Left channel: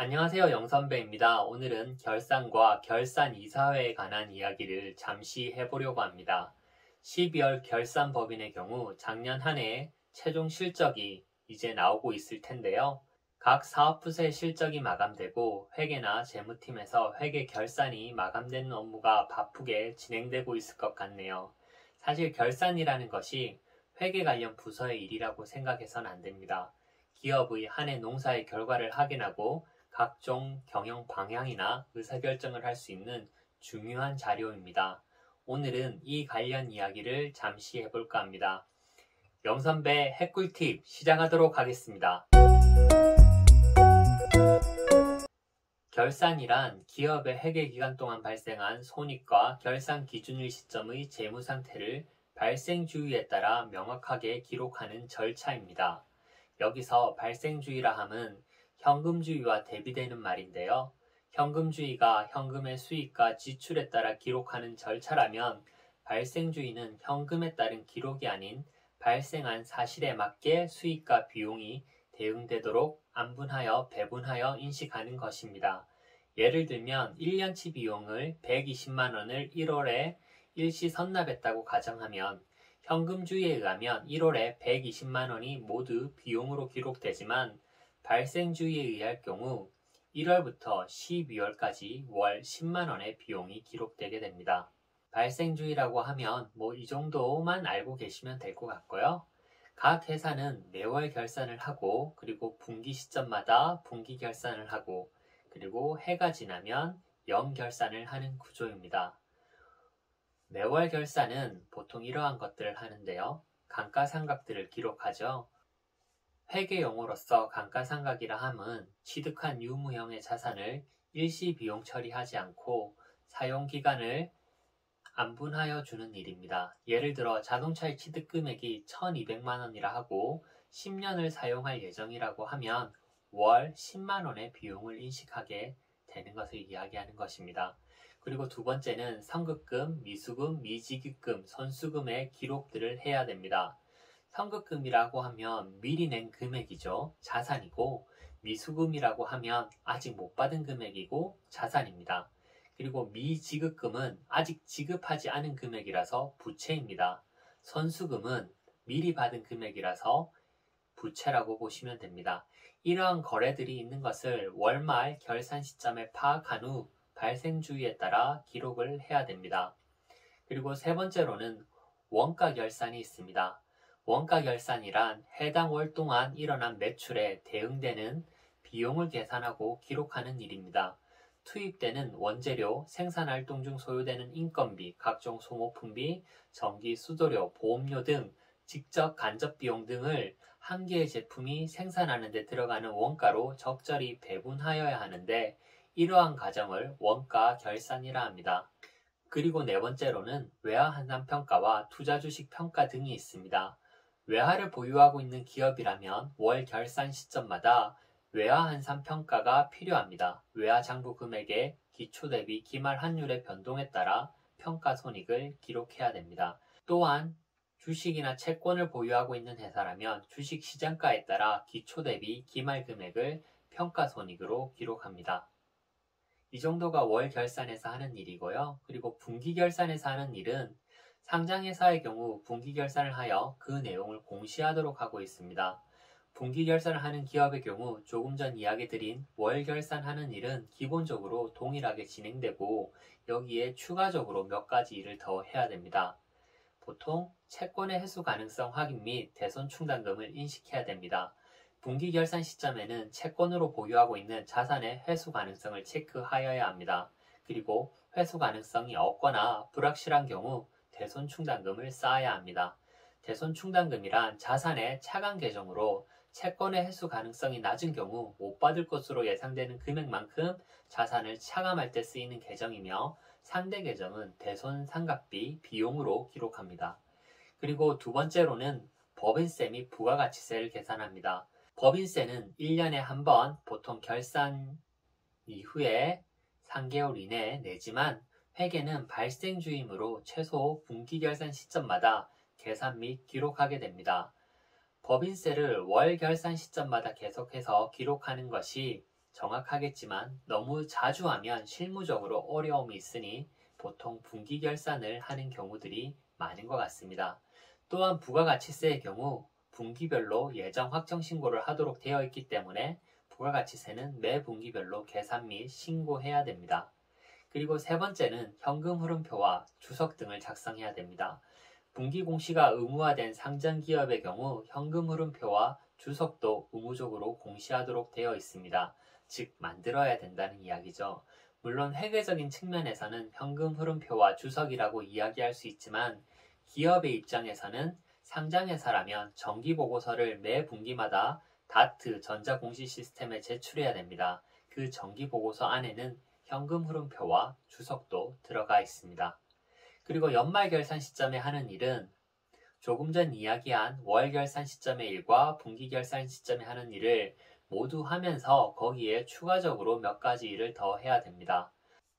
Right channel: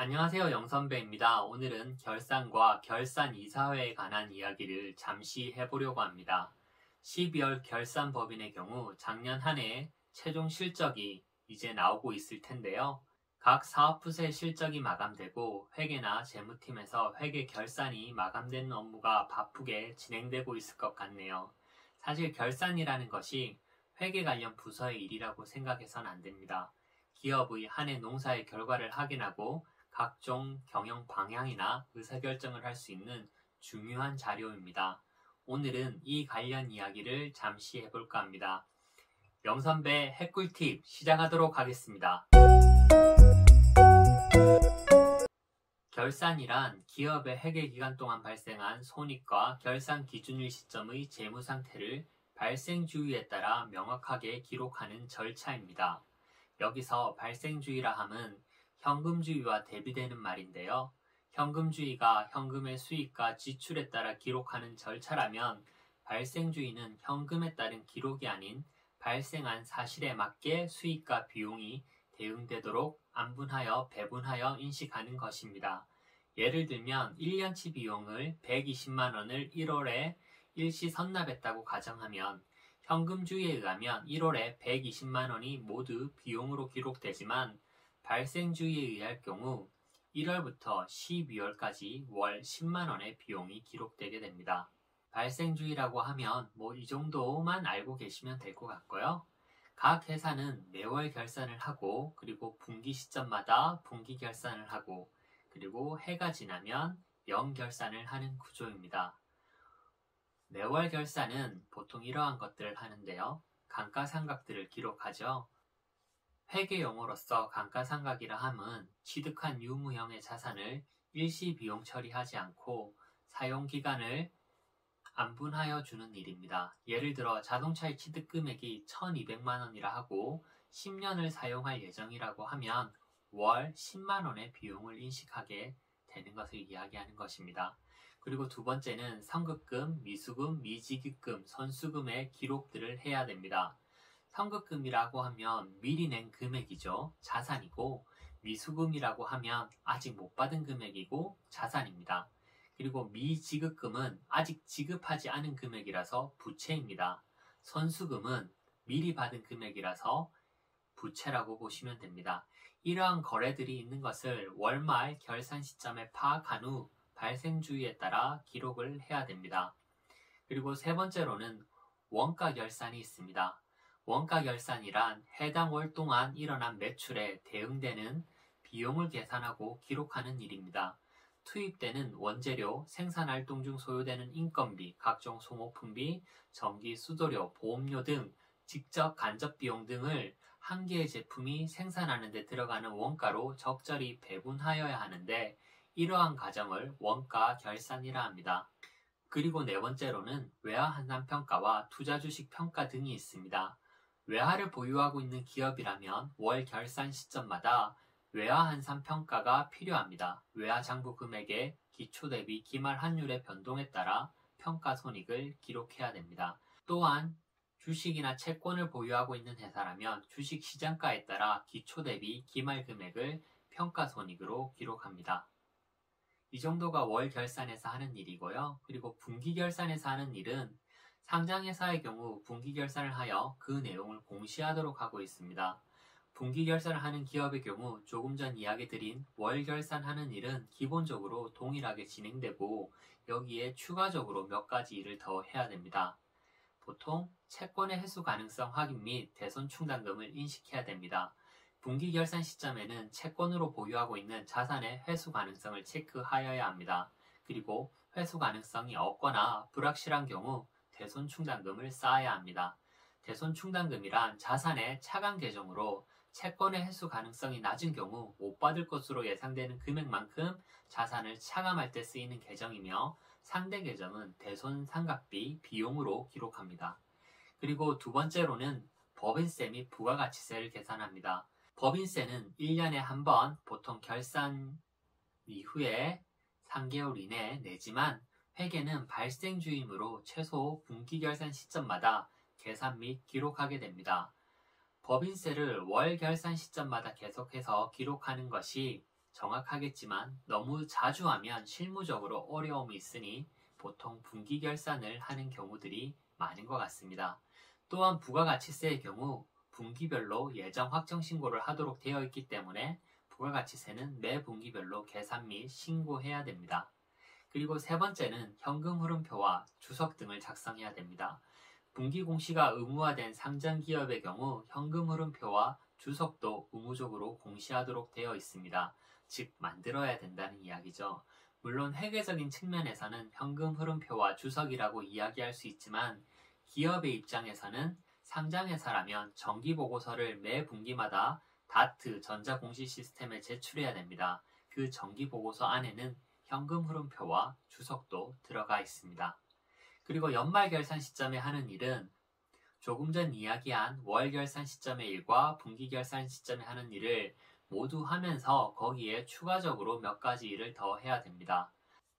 안녕하세요. 영선배입니다. 오늘은 결산과 결산 이사회에 관한 이야기를 잠시 해보려고 합니다. 12월 결산법인의 경우 작년 한 해의 최종 실적이 이제 나오고 있을 텐데요. 각 사업부서의 실적이 마감되고 회계나 재무팀에서 회계 결산이 마감되는 업무가 바쁘게 진행되고 있을 것 같네요. 사실 결산이라는 것이 회계 관련 부서의 일이라고 생각해서는 안 됩니다. 기업의 한 해 농사의 결과를 확인하고 각종 경영 방향이나 의사결정을 할 수 있는 중요한 자료입니다. 오늘은 이 관련 이야기를 잠시 해볼까 합니다. 영선배 핵꿀팁 시작하도록 하겠습니다. 결산이란 기업의 회계기간 동안 발생한 손익과 결산 기준일 시점의 재무 상태를 발생주의에 따라 명확하게 기록하는 절차입니다. 여기서 발생주의라 함은 현금주의와 대비되는 말인데요. 현금주의가 현금의 수익과 지출에 따라 기록하는 절차라면 발생주의는 현금에 따른 기록이 아닌 발생한 사실에 맞게 수익과 비용이 대응되도록 안분하여 배분하여 인식하는 것입니다. 예를 들면 1년치 비용을 120만원을 1월에 일시 선납했다고 가정하면 현금주의에 의하면 1월에 120만원이 모두 비용으로 기록되지만 발생주의에 의할 경우 1월부터 12월까지 월 10만원의 비용이 기록되게 됩니다. 발생주의라고 하면 이 정도만 알고 계시면 될 것 같고요. 각 회사는 매월 결산을 하고 그리고 분기 시점마다 분기 결산을 하고 그리고 해가 지나면 연결산을 하는 구조입니다. 매월 결산은 보통 이러한 것들을 하는데요. 감가상각들을 기록하죠. 회계용어로서 감가상각이라 함은 취득한 유무형의 자산을 일시 비용 처리하지 않고 사용기간을 안분하여 주는 일입니다. 예를 들어 자동차의 취득금액이 1200만원이라 하고 10년을 사용할 예정이라고 하면 월 10만원의 비용을 인식하게 되는 것을 이야기하는 것입니다. 그리고 두 번째는 선급금, 미수금, 미지급금, 선수금의 기록들을 해야 됩니다. 선급금이라고 하면 미리 낸 금액이죠. 자산이고 미수금이라고 하면 아직 못 받은 금액이고 자산입니다. 그리고 미지급금은 아직 지급하지 않은 금액이라서 부채입니다. 선수금은 미리 받은 금액이라서 부채라고 보시면 됩니다. 이러한 거래들이 있는 것을 월말 결산 시점에 파악한 후 발생주의에 따라 기록을 해야 됩니다. 그리고 세 번째로는 원가 결산이 있습니다. 원가 결산이란 해당 월 동안 일어난 매출에 대응되는 비용을 계산하고 기록하는 일입니다. 투입되는 원재료, 생산활동 중 소요되는 인건비, 각종 소모품비, 전기, 수도료, 보험료 등 직접 간접 비용 등을 한 개의 제품이 생산하는 데 들어가는 원가로 적절히 배분하여야 하는데 이러한 과정을 원가 결산이라 합니다. 그리고 네 번째로는 외화환산평가와 투자주식평가 등이 있습니다. 외화를 보유하고 있는 기업이라면 월 결산 시점마다 외화환산평가가 필요합니다. 외화장부 금액의 기초 대비 기말 환율의 변동에 따라 평가손익을 기록해야 됩니다. 또한 주식이나 채권을 보유하고 있는 회사라면 주식 시장가에 따라 기초 대비 기말 금액을 평가손익으로 기록합니다. 이 정도가 월 결산에서 하는 일이고요. 그리고 분기 결산에서 하는 일은 상장회사의 경우 분기 결산을 하여 그 내용을 공시하도록 하고 있습니다. 분기 결산을 하는 기업의 경우 조금 전 이야기 드린 월 결산하는 일은 기본적으로 동일하게 진행되고 여기에 추가적으로 몇 가지 일을 더 해야 됩니다. 보통 채권의 회수 가능성 확인 및 대손 충당금을 인식해야 됩니다. 분기 결산 시점에는 채권으로 보유하고 있는 자산의 회수 가능성을 체크하여야 합니다. 그리고 회수 가능성이 없거나 불확실한 경우 대손 충당금을 쌓아야 합니다. 대손 충당금이란 자산의 차감 계정으로 채권의 회수 가능성이 낮은 경우 못 받을 것으로 예상되는 금액만큼 자산을 차감할 때 쓰이는 계정이며 상대 계정은 대손 상각비 비용으로 기록합니다. 그리고 두 번째로는 법인세 및 부가가치세를 계산합니다. 법인세는 1년에 한 번 보통 결산 이후에 3개월 이내에 내지만 회계는 발생주이므로 최소 분기 결산 시점마다 계산 및 기록하게 됩니다. 법인세를 월 결산 시점마다 계속해서 기록하는 것이 정확하겠지만 너무 자주 하면 실무적으로 어려움이 있으니 보통 분기 결산을 하는 경우들이 많은 것 같습니다. 또한 부가가치세의 경우 분기별로 예정 확정 신고를 하도록 되어 있기 때문에 부가가치세는 매 분기별로 계산 및 신고해야 됩니다. 그리고 세 번째는 현금 흐름표와 주석 등을 작성해야 됩니다. 분기 공시가 의무화된 상장 기업의 경우 현금 흐름표와 주석도 의무적으로 공시하도록 되어 있습니다. 즉 만들어야 된다는 이야기죠. 물론 회계적인 측면에서는 현금 흐름표와 주석이라고 이야기할 수 있지만 기업의 입장에서는 상장회사라면 정기보고서를 매 분기마다 다트 전자공시 시스템에 제출해야 됩니다. 그 정기보고서 안에는 현금 흐름표와 주석도 들어가 있습니다. 그리고 연말 결산 시점에 하는 일은 조금 전 이야기한 월 결산 시점의 일과 분기 결산 시점에 하는 일을 모두 하면서 거기에 추가적으로 몇 가지 일을 더 해야 됩니다.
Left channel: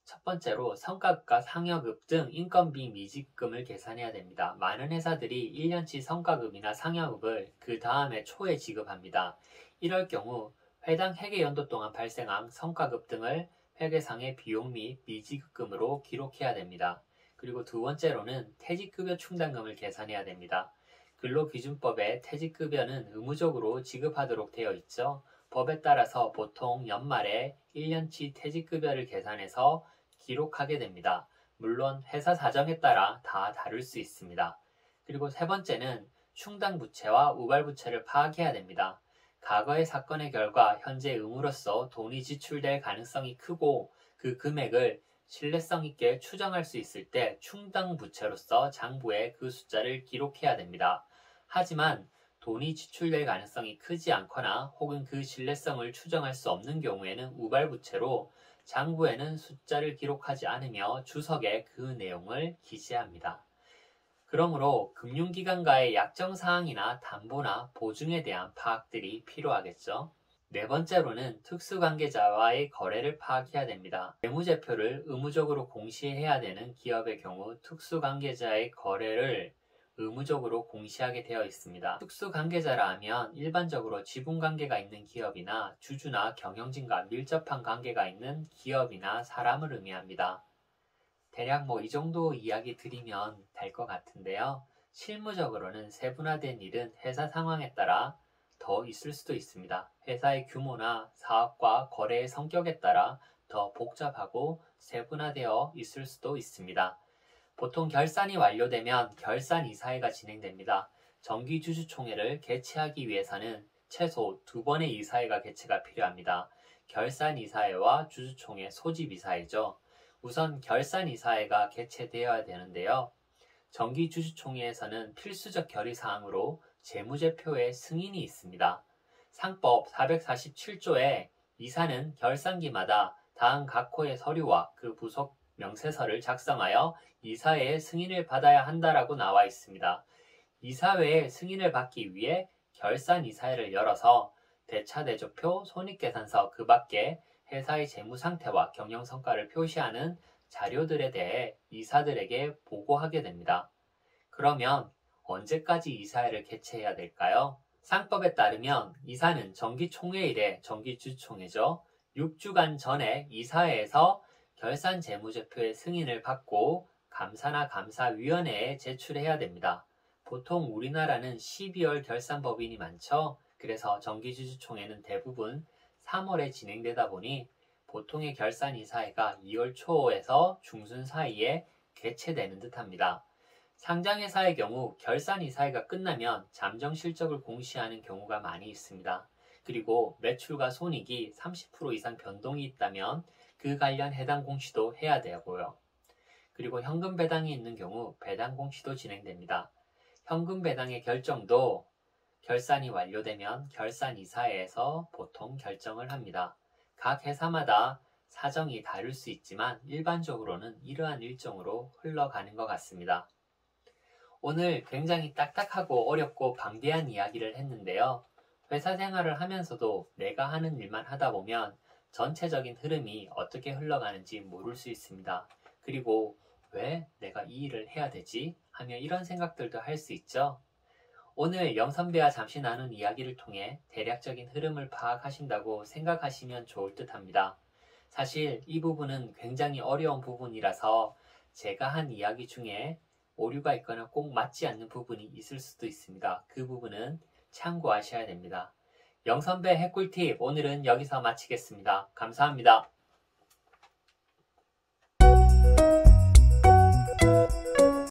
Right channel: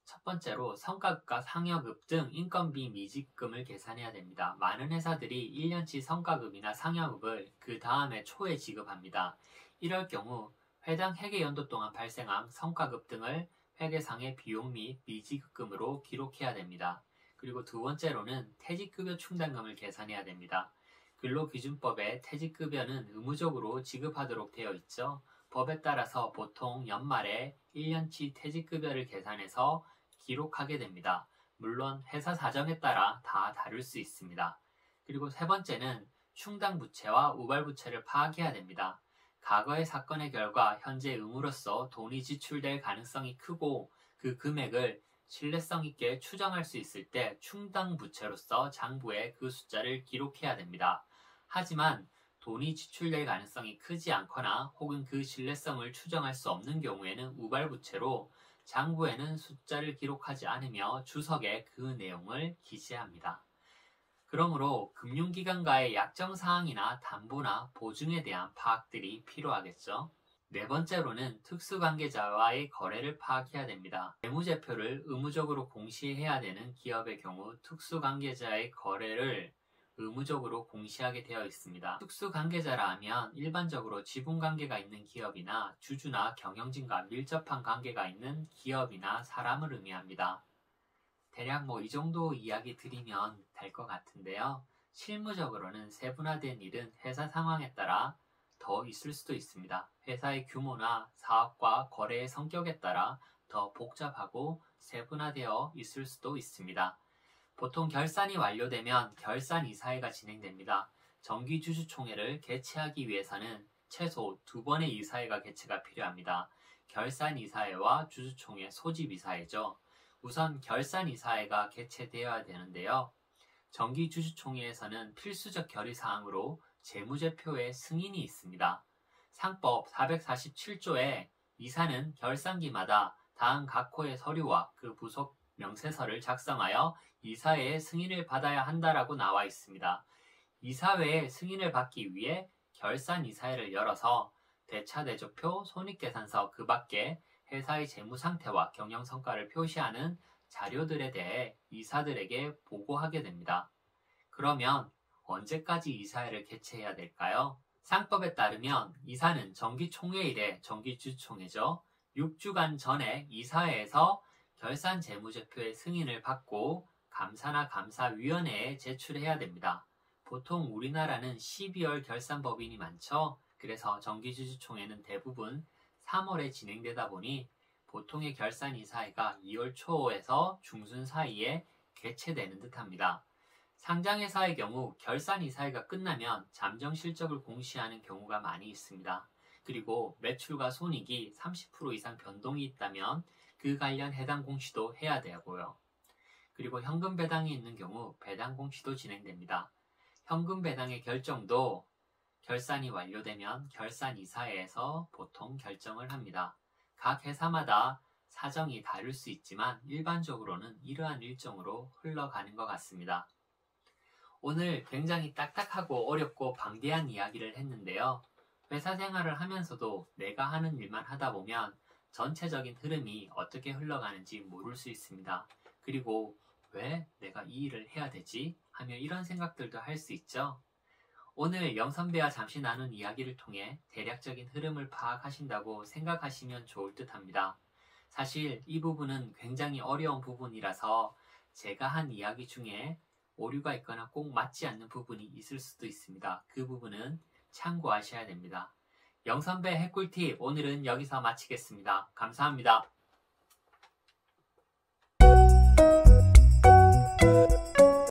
첫 번째로 성과급과 상여급 등 인건비 미지급금을 계산해야 됩니다. 많은 회사들이 1년치 성과급이나 상여급을 그 다음에 초에 지급합니다. 이럴 경우 해당 회계연도 동안 발생한 성과급 등을 회계상의 비용 및 미지급금으로 기록해야 됩니다. 그리고 두 번째로는 퇴직급여 충당금을 계산해야 됩니다. 근로기준법에 퇴직급여는 의무적으로 지급하도록 되어 있죠. 법에 따라서 보통 연말에 1년치 퇴직급여를 계산해서 기록하게 됩니다. 물론 회사 사정에 따라 다 다를 수 있습니다. 그리고 세 번째는 충당부채와 우발부채를 파악해야 됩니다. 과거의 사건의 결과 현재 의무로서 돈이 지출될 가능성이 크고 그 금액을 신뢰성 있게 추정할 수 있을 때 충당부채로서 장부에 그 숫자를 기록해야 됩니다. 하지만 돈이 지출될 가능성이 크지 않거나 혹은 그 신뢰성을 추정할 수 없는 경우에는 우발부채로 장부에는 숫자를 기록하지 않으며 주석에 그 내용을 기재합니다. 그러므로 금융기관과의 약정사항이나 담보나 보증에 대한 파악들이 필요하겠죠. 네 번째로는 특수관계자와의 거래를 파악해야 됩니다. 재무제표를 의무적으로 공시해야 되는 기업의 경우 특수관계자의 거래를 의무적으로 공시하게 되어 있습니다. 특수관계자라 하면 일반적으로 지분관계가 있는 기업이나 주주나 경영진과 밀접한 관계가 있는 기업이나 사람을 의미합니다. 대략 이 정도 이야기 드리면 될 것 같은데요. 실무적으로는 세분화된 일은 회사 상황에 따라 더 있을 수도 있습니다. 회사의 규모나 사업과 거래의 성격에 따라 더 복잡하고 세분화되어 있을 수도 있습니다. 보통 결산이 완료되면 결산이사회가 진행됩니다. 정기주주총회를 개최하기 위해서는 최소 2번의 이사회가 개최가 필요합니다. 결산이사회와 주주총회 소집이사회죠. 우선 결산이사회가 개최되어야 되는데요. 정기주주총회에서는 필수적 결의사항으로 재무제표의 승인이 있습니다. 상법 447조에 이사는 결산기마다 다음 각 호의 서류와 그 부속 명세서를 작성하여 이사회의 승인을 받아야 한다라고 나와 있습니다. 이사회의 승인을 받기 위해 결산이사회를 열어서 대차대조표, 손익계산서 그 밖에 회사의 재무 상태와 경영 성과를 표시하는 자료들에 대해 이사들에게 보고하게 됩니다. 그러면 언제까지 이사회를 개최해야 될까요? 상법에 따르면 이사는 정기총회일에 정기주총회죠. 6주간 전에 이사회에서 결산 재무제표의 승인을 받고 감사나 감사위원회에 제출해야 됩니다. 보통 우리나라는 12월 결산법인이 많죠. 그래서 정기주주총회는 대부분 3월에 진행되다 보니 보통의 결산이사회가 2월 초에서 중순 사이에 개최되는 듯합니다. 상장회사의 경우 결산이사회가 끝나면 잠정실적을 공시하는 경우가 많이 있습니다. 그리고 매출과 손익이 30% 이상 변동이 있다면 그 관련 해당 공시도 해야 되고요. 그리고 현금 배당이 있는 경우 배당 공시도 진행됩니다. 현금 배당의 결정도 결산이 완료되면 결산이사회에서 보통 결정을 합니다. 각 회사마다 사정이 다를 수 있지만 일반적으로는 이러한 일정으로 흘러가는 것 같습니다. 오늘 굉장히 딱딱하고 어렵고 방대한 이야기를 했는데요. 회사 생활을 하면서도 내가 하는 일만 하다 보면 전체적인 흐름이 어떻게 흘러가는지 모를 수 있습니다. 그리고 왜 내가 이 일을 해야 되지? 하며 이런 생각들도 할 수 있죠. 오늘 영선배와 잠시 나눈 이야기를 통해 대략적인 흐름을 파악하신다고 생각하시면 좋을 듯 합니다. 사실 이 부분은 굉장히 어려운 부분이라서 제가 한 이야기 중에 오류가 있거나 꼭 맞지 않는 부분이 있을 수도 있습니다. 그 부분은 참고하셔야 됩니다. 영선배 핵꿀팁 오늘은 여기서 마치겠습니다. 감사합니다.